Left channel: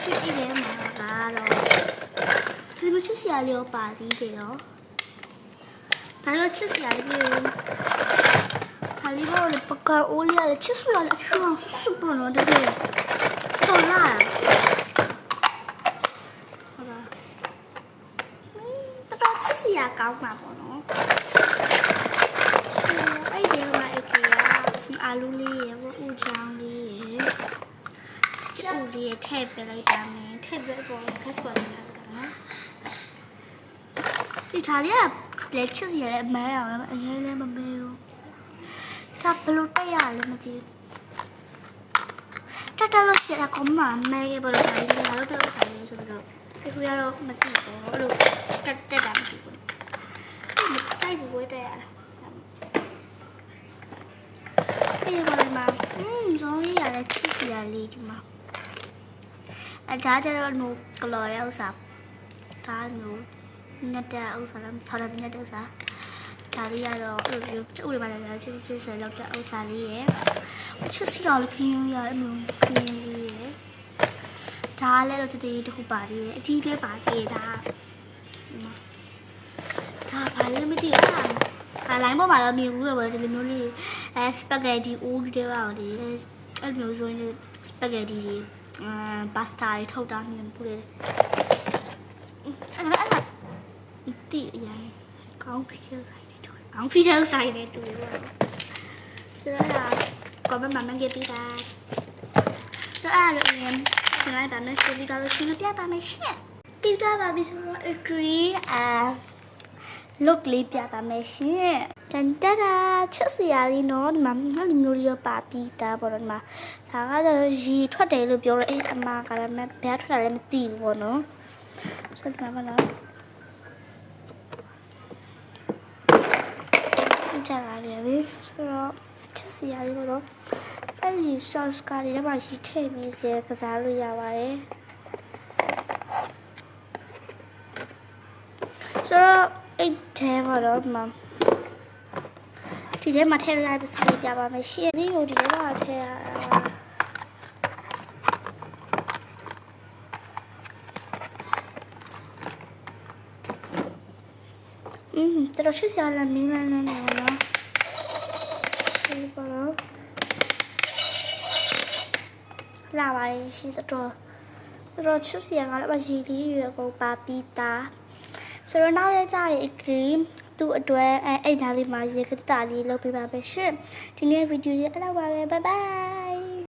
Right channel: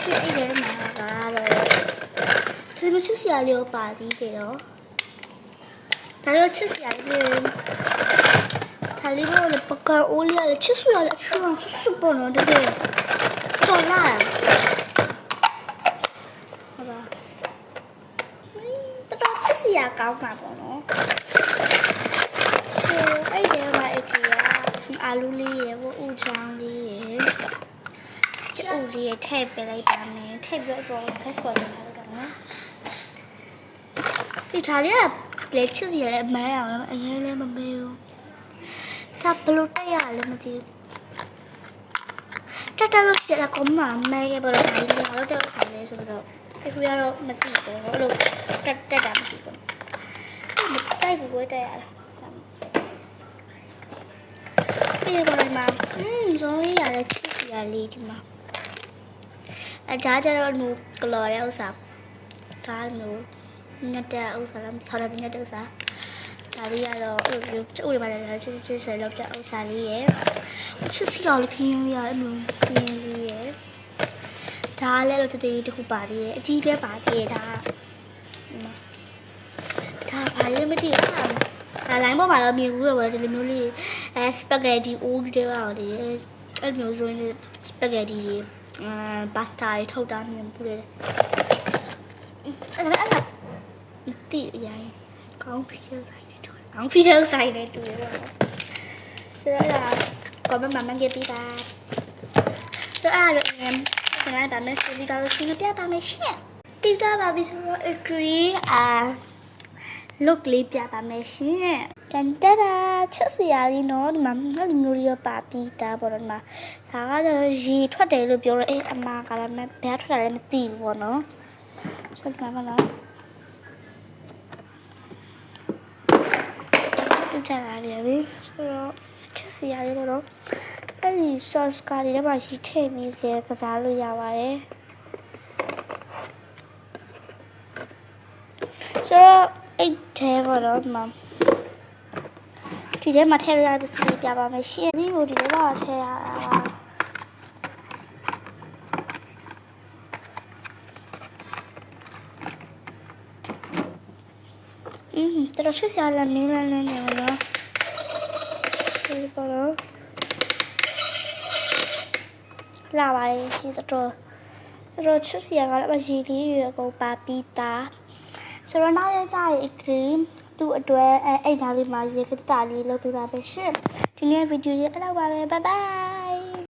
ရှိအိတ်ထဲမှာကတော့ဒီလိုချစ်စရာလေးပါသေးတယ်ရောဒါရောချစ်စရာလေးဒါလေးကတော့ပကံအိုးလေးချစ်စရာလေးအဖြူအောင်ဆွပေါ်တော့တယ်တော်လာဟုတ်လားတော်ချစ်စရာကောင်းပါပေါ့နော်အဲ့ဒီမှာအကေကအာလူလေးရေဦးချောင်းလေးရေကျုပ်လေးထည့်ပြလိုက်ပါမယ်ထည့်ပြတော့ passport နဲ့လုပ်တာနော်ဒီထားရလက်ချစ်စီရတဲ့အမန်းအောင်လည်းအရင်လည်းမမေးဘူးဒါဘလို့တက်ရလဲမသိဘူးတက်လို့ရှိရကောင်းမှမဲခဲ့ပါတော့ဒါလေးကတော့တက်ဆိုင်လဲဆိုတော့ဒီကူရတော့မသိဘူးအဲ့လိုတက်တာမသိဘူးတိုက်ဘူးဝဲတက်ရတာဒီပေါ်မှာဇုံးလေးရတဲ့ချစ်စီရလေးဒီမှာဒါကြတော့နူကလော်ရဲ့ဥစ္စာဒါမျိုးညက်တဲ့ဥစ္စာလားခေါ်တယ်ညက်တဲ့ဥစ္စာဒါလေးကတော့အဲ့လိုကျိုးတွေပါလာချစ်ဆွဲလောက်တဲ့ဥစ္စာလေးရယ်ချစ်စီတော်လေးခင်းရရအဲ့လိုခင်းလေးရယ်ဒါလည်းတော့တည်းတခုပါသေးရယ်အကြီးတဲပါသေးရယ်ဒါဘာလေးမကြည့်အားလိုင်းပေါ်မှာတော့မြင်ဘူးပဲဒီလိုမျိုးလေးစပဂက်တီအိုးတွေပါလေအဲ့မျိုးဆိုရင်စပဂက်တီတွေပါစတာတွေထုတ်တာမြင်ဘူးလေအဲ့ဒီအရင်ကောင်းဖြစ်တဲ့ဆိုင်တွေတွေ့ကောင်းဖြစ်တဲ့ဆိုင်တွေတွေ့ရပါဆိုတော့ကောမမမငယ်ပြီးတာဆိုတော့အဲ့ဒီစနေပါမယ်ဆိုပြီးတော့ရှင်းပြပါမယ်ရှင့်တိတာပါပြီဆိုတော့ agree look လေးပြပါမယ်ရှင်တန်တရာချစ်စရာလေးနော်ဒီမှာငါ့လူမျိုးလေးပါပြီးသားပေါ့နော်ဒီမှာဒါကတော့ရေထွက်တယ်လို့ပြောတော့အမကလည်းဘယ်ထွက်တာလဲမသိဘူးပေါ့နော်ဆိုတော့ဒီမှာနော်ဒီကြတာလေးဆိုတော့ချစ်စရာလေးပေါ့နော်အဲ့ဒီ sauce ကလေးတော့ရှိထည့်ပြီးကစားလို့ရပါတယ်ဆိုတော့အဲ့ထဲမှာတော့ဒီထဲမှာထည့်ရပစ္စည်းပြပါမယ်ရှင်ဒီကိုဒီထဲမှာထည့်ရတာတော်ချစ်စရာလည်းမင်းလည်းနေပါတော့ဒီပေါ်တော့လာပါရဲ့ရှင်တော်ချစ်စရာကလည်းရည်လေးရွယ်ကိုပါပြီးသားဆိုတော့နောက်ရကြရင် cream သူ့အတွက်အဲ့ဒါလေးမှာရေကတာလေးလုပ်ပေးပါပဲရှင်ဒီနေ့ဗီဒီယိုလေးအဲ့လောက်ပါပဲ bye bye